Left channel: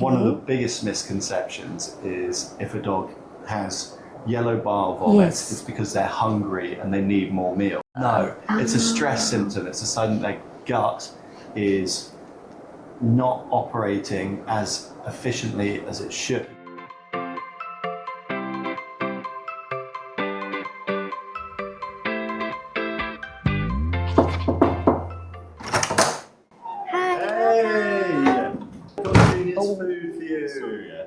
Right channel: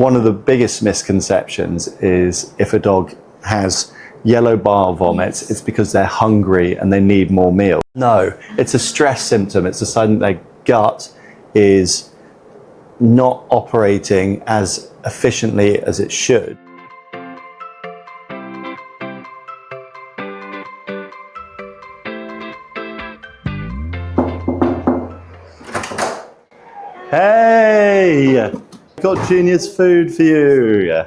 One of the biggest misconceptions is if a dog has yellow bile vomits, it's because they're hungry and they need more meal. No, it's a stress symptom. It's a sign that their gut is not operating as efficiently as it should. Hey! Got Junior's food for you.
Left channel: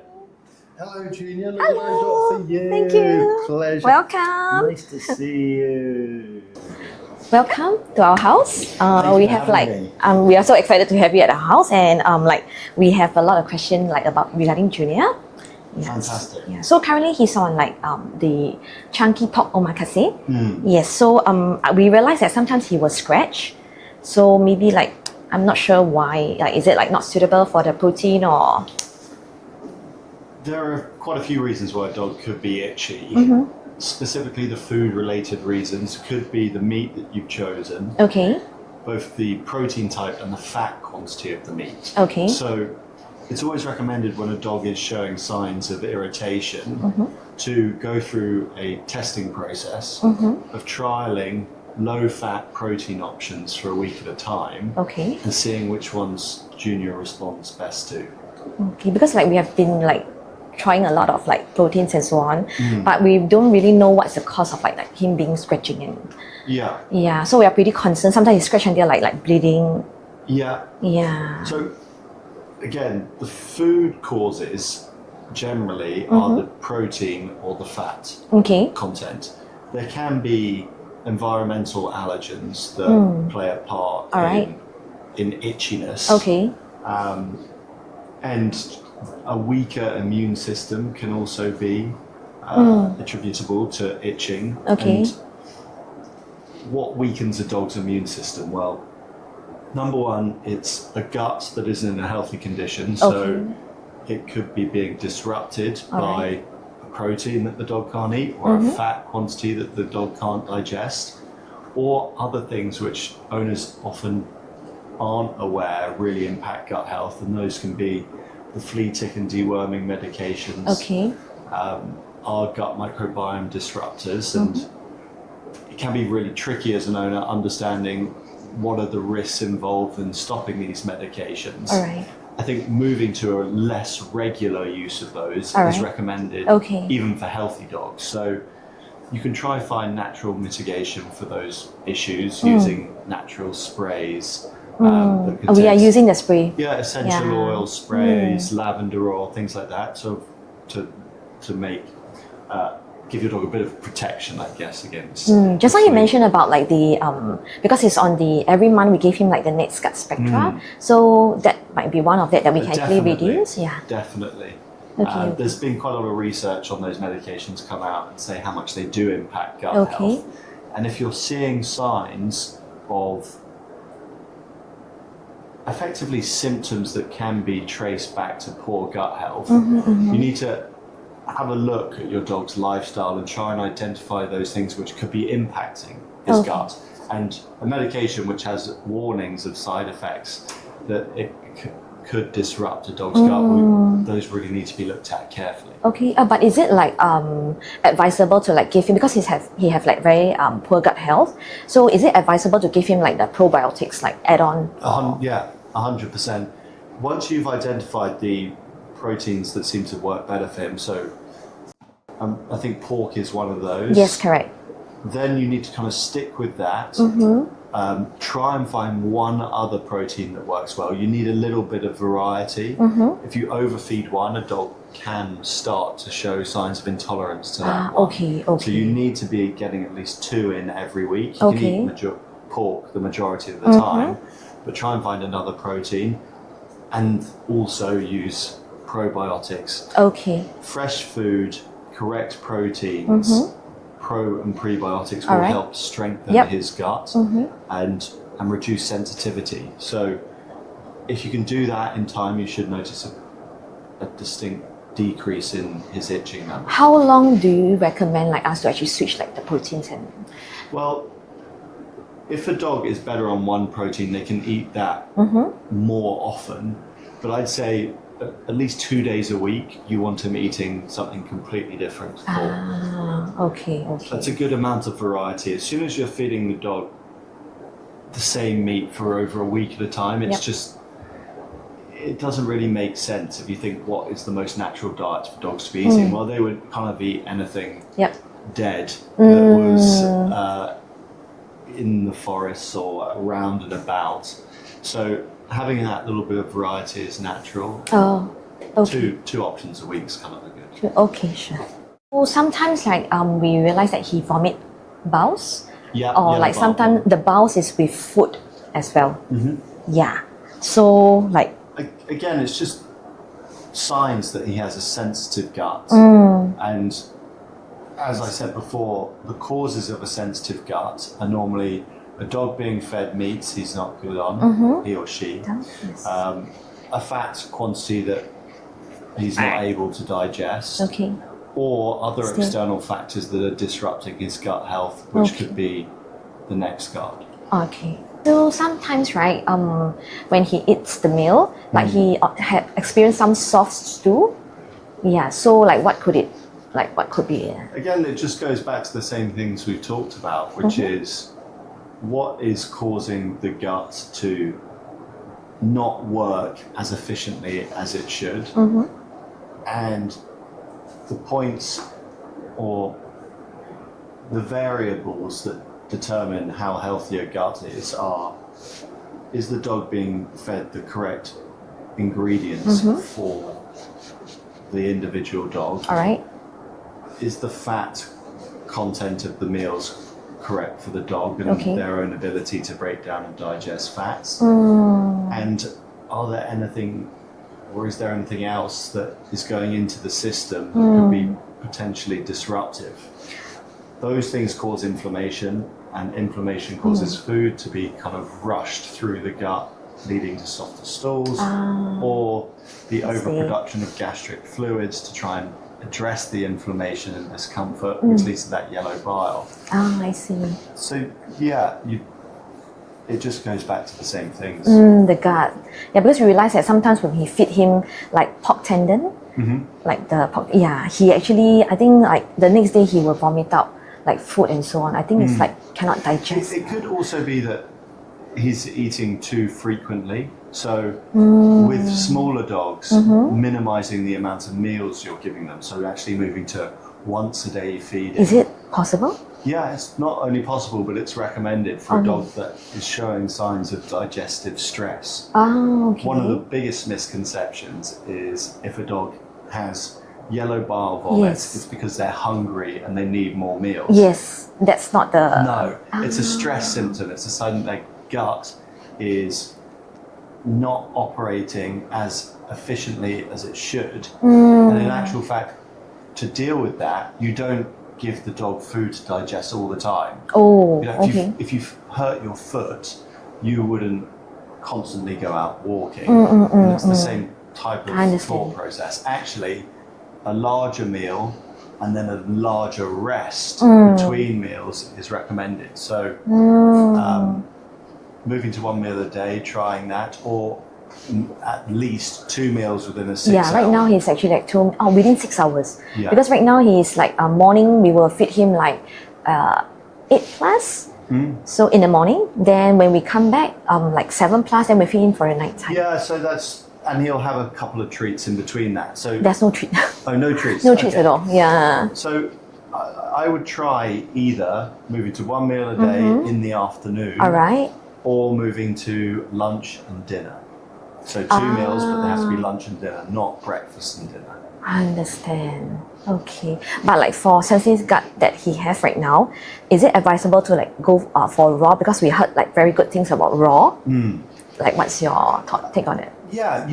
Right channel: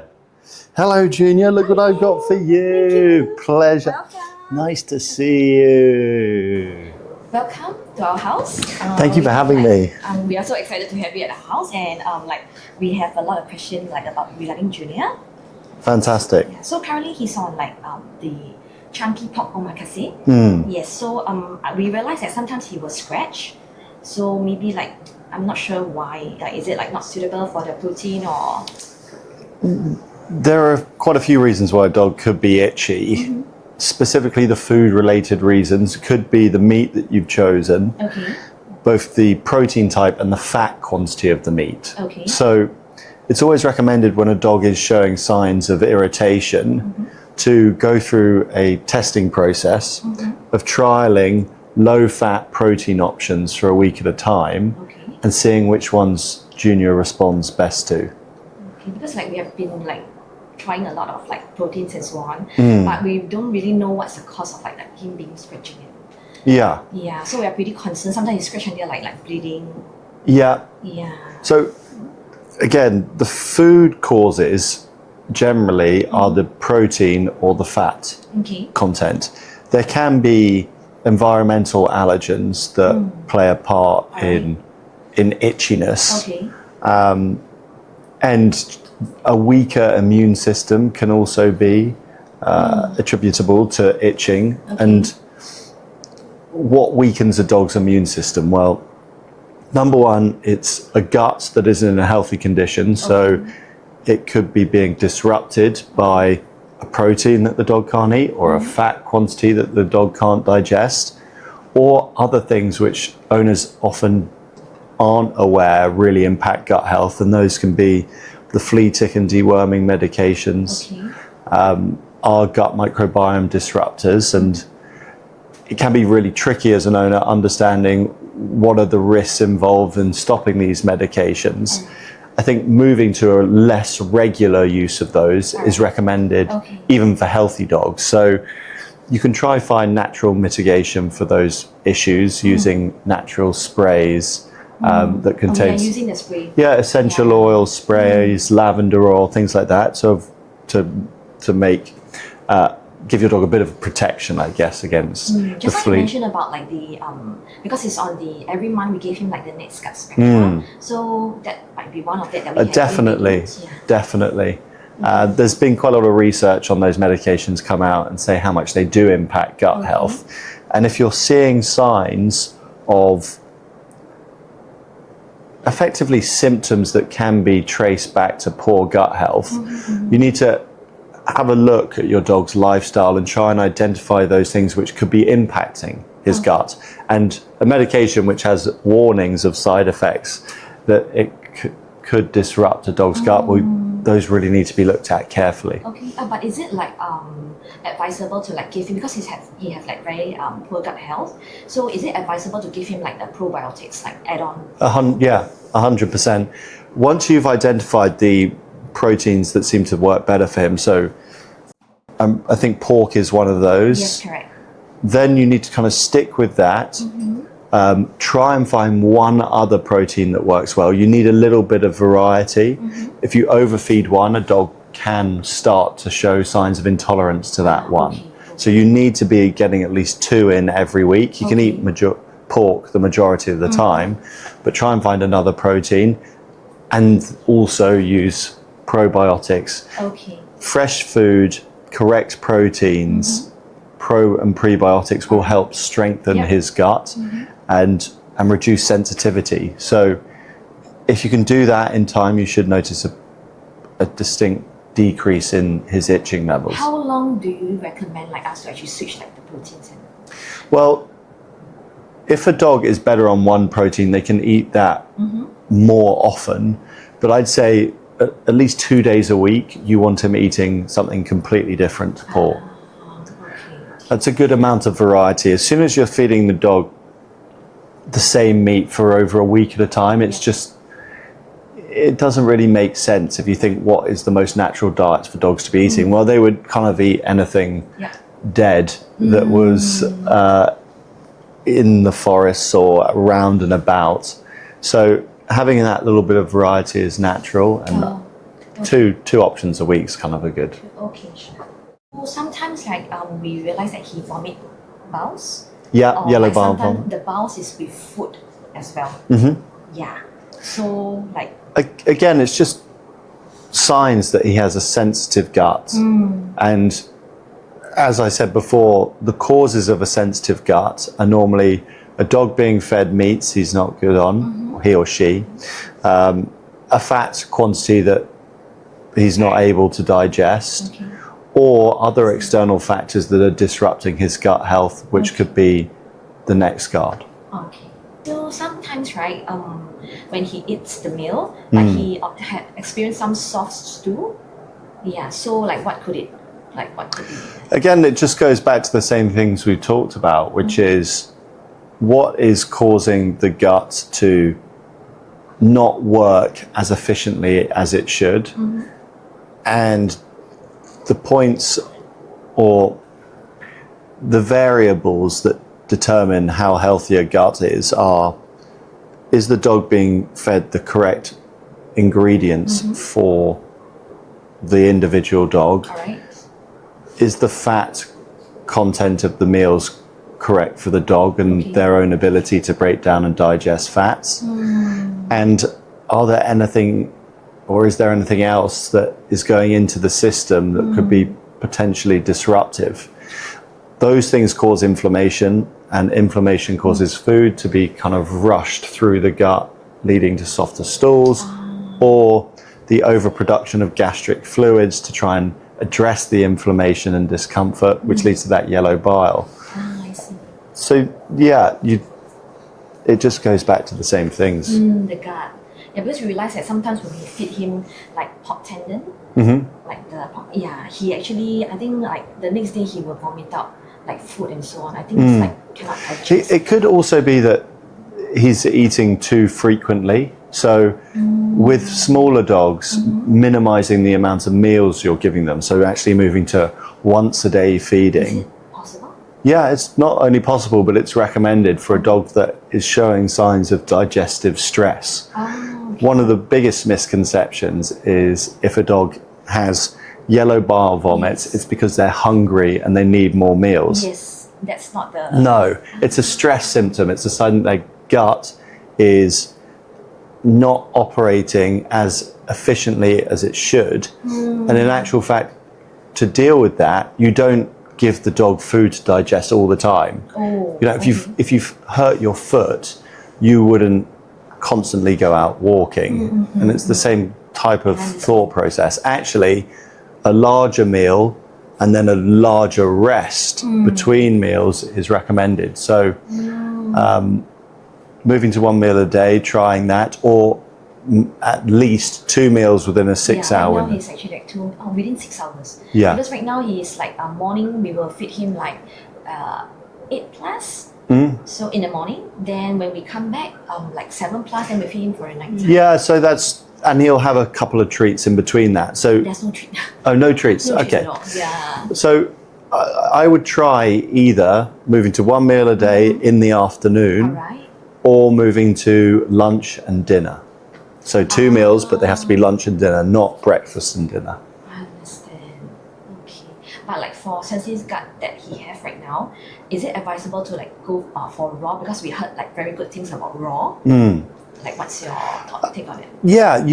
Hello, Junior. Look what I've got for you. Thank you. Pleasure. Welcome. Nice to see you. Welcome to our house. Thank you for having me. We are so excited to have you at the house, and we have a lot of questions about regarding Junior. Fantastic. Yeah. So currently he's on the chunky pork omakase. Yes. So we realized that sometimes he will scratch. So maybe I'm not sure why. Is it not suitable for the protein or? There are quite a few reasons why a dog could be itchy. Specifically, the food-related reasons could be the meat that you've chosen. Okay. Both the protein type and the fat quantity of the meat. Okay. So it's always recommended when a dog is showing signs of irritation to go through a testing process of trialing low-fat protein options for a week at a time. Okay. And seeing which ones Junior responds best to. Okay, because we have been trying a lot of proteins and so on, but we don't really know what's the cause of him being scratching and so we are pretty concerned. Sometimes he scratch until bleeding. So again, the food causes generally are the protein or the fat content. There can be environmental allergens that play a part in itchiness. And a weaker immune system can also be attributable to itching. And what weakens a dog's immune system? Well, number one, it's a gut that isn't in a healthy condition. So it could be being disrupted by a protein that the dog can't eat, or a fat quantity that the dog can't digest, or other things which owners often aren't aware really impact gut health, and those can be the flea, tick and deworming medications, our gut microbiome disruptors, and it can be really tricky as an owner understanding what are the risks involved in stopping these medications. I think moving to a less regular use of those is recommended even for healthy dogs. So you can try find natural mitigation for those issues using natural sprays. That contains, we are using the spray. Essential oil sprays, lavender oil, things like that. So to make give your dog a bit of protection, I guess, against. Just like you mentioned about because he's on every month we gave him the NexGard Spectra. So that might be one of that we can definitely use. Definitely. There's been quite a lot of research on those medications come out and say how much they do impact gut health. And if you're seeing signs of effectively symptoms that can be traced back to poor gut health, you need to have a look at your dog's lifestyle and try and identify those things which could be impacting his gut. And a medication which has warnings of side effects that it could disrupt a dog's gut, those really need to be looked at carefully. But is it advisable to give him, because he have very poor gut health, so is it advisable to give him the probiotics add-on? 100%. Once you've identified the proteins that seem to work better for him, so I think pork is one of those. Yes, correct. Then you need to kind of stick with that. Try and find one other protein that works well. You need a little bit of variety. If you overfeed one, a dog can start to show signs of intolerance to that one. So you need to be getting at least 2 in every week. You can eat pork the majority of the time, but try and find another protein, and also use probiotics. Fresh food, correct proteins, pro and prebiotics will help strengthen his gut and reduce sensitivity. So if you can do that in time, you should notice a distinct decrease in his itching levels. How long do you recommend us to actually switch the proteins? Well, if a dog is better on one protein, they can eat that more often. But I'd say at least 2 days a week, you want him eating something completely different to pork. Okay. That's a good amount of variety. As soon as you're feeding the dog the same meat for over a week at a time, it's just, it doesn't really make sense if you think what is the most natural diets for dogs to be eating. Well, they would kind of eat anything dead that was in the forests or around and about. So having that little bit of variety is natural, and two options a week is kind of a good. Okay, sure. Well, sometimes like we realize that he vomit bowels. Yeah, or yellow like bowel sometimes vomit. the bowels is with food as well. Yeah. So like Again, it's just signs that he has a sensitive gut. And as I said before, the causes of a sensitive gut are normally a dog being fed meats he's not good on, he or she, a fat quantity that he's not able to digest, or other external factors that are disrupting his gut health, which could be the NexGard. Okay. So sometimes, right, when he eats the meal, like he had experienced some soft stool. Yeah. So like, what could be? Again, it just goes back to the same things we've talked about, which is what is causing the gut to not work as efficiently as it should, and the points or the variables that determine how healthy a gut is the dog being fed the correct ingredients for the individual dog? All right. Is the fat content of the meals correct for the dog and their own ability to break down and digest fats? And are there anything, or is there anything else that is going into the system that could be potentially disruptive? Those things cause inflammation, and inflammation causes food to be kind of rushed through the gut, leading to softer stools, or the overproduction of gastric fluids to try and address the inflammation and discomfort, which leads to that yellow bile. I see. So yeah, it just goes back to the same things. The gut. Yeah, because we realize that sometimes when we feed him like pork tendon, like the pork, he actually, I think like the next day he will vomit out like food and so on. I think it's like cannot digest. It could also be that he's eating too frequently. So with smaller dogs, minimizing the amount of meals you're giving them. So actually moving to once a day feeding. Is it possible? Yeah, it's not only possible, but it's recommended for a dog that is showing signs of digestive stress. One of the biggest misconceptions is if a dog has yellow bile vomits, it's because they're hungry and they need more meals. Yes, that's not the... No, it's a stress symptom. It's a sign that their gut is not operating as efficiently as it should. And in actual fact, to deal with that, you don't give the dog food to digest all the time. If you've hurt your foot, you wouldn't constantly go out walking. And it's the same type of thought process. Actually, a larger meal and then a larger rest between meals is recommended. So moving to one meal a day, trying that, or at least 2 meals within a 6 hour. Right now he's actually like within 6 hours. Yeah. Because right now he's like morning we will feed him like 8 plus. So in the morning, then when we come back, like 7 plus, then we feed him for the night time. Yeah, so and he'll have a couple of treats in between that. So there's no treat. Oh, no treats. No treats at all. Yeah. So I would try either moving to 1 meal a day in the afternoon. All right. Or moving to lunch and dinner. So 2 meals, but they have to be lunch and dinner, not breakfast and dinner. I understand. Okay. But like for sensitive gut that he has right now, is it advisable to like go for raw? Because we heard like very good things about raw. Like what's your take on it? Yeah,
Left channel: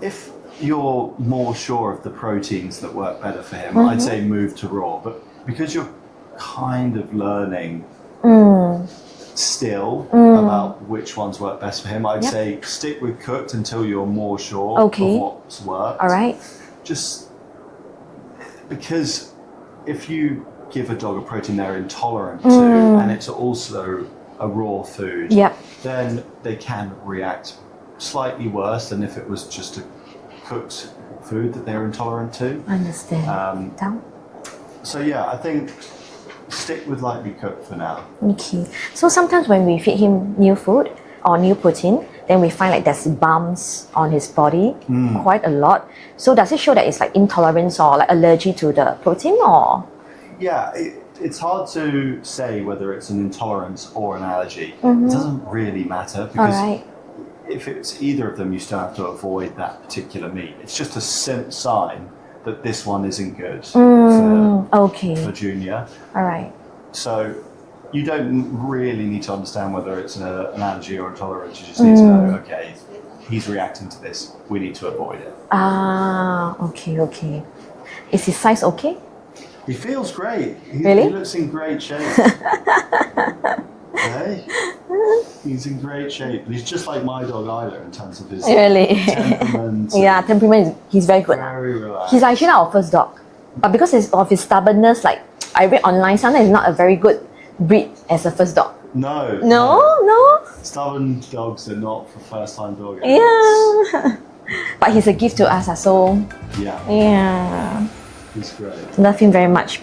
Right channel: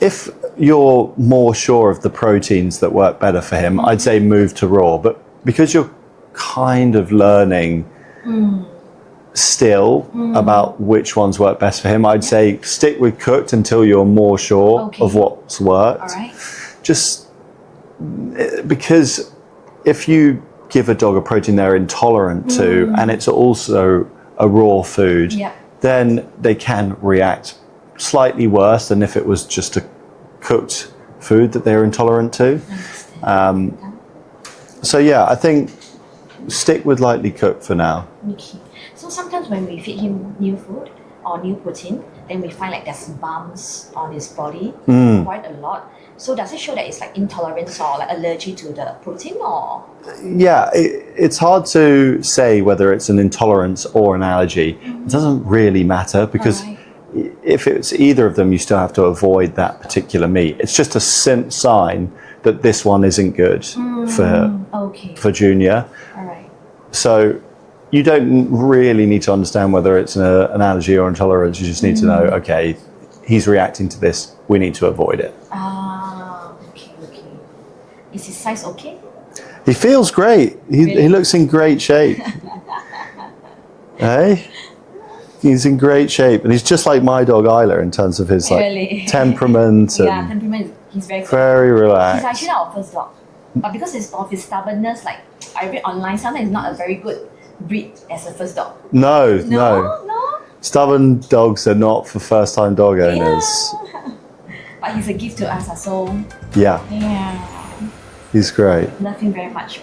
if you're more sure of the proteins that work better for him, I'd say move to raw. But because you're kind of learning still about which ones work best for him, I'd say stick with cooked until you're more sure of what's worked. All right. Just because if you give a dog a protein they're intolerant to and it's also a raw food, then they can react slightly worse than if it was just a cooked food that they're intolerant to. Understand. So yeah, I think stick with lightly cooked for now. Okay. So sometimes when we feed him new food or new protein, then we find like there's bumps on his body quite a lot. So does it show that it's like intolerance or like allergy to the protein or? Yeah, it's hard to say whether it's an intolerance or an allergy. It doesn't really matter because if it's either of them, you still have to avoid that particular meat. It's just a sign that this one isn't good for Junior. All right. So you don't really need to understand whether it's an allergy or intolerance. You just need to know, okay, he's reacting to this. We need to avoid it. Okay. Is his size okay? He feels great. He looks in great shape. Hey? He's in great shape. And he's just like my dog Isla in terms of his temperament. Yeah, temperament. He's very good. Very relaxed. He's actually our first dog. But because of his stubbornness, like I read online, sometimes it's not a very good breed as a first dog. No. Stubborn dogs are not for first-time dog owners. Yeah. But he's a gift to us, so Yeah. yeah. He's great. Love him very much.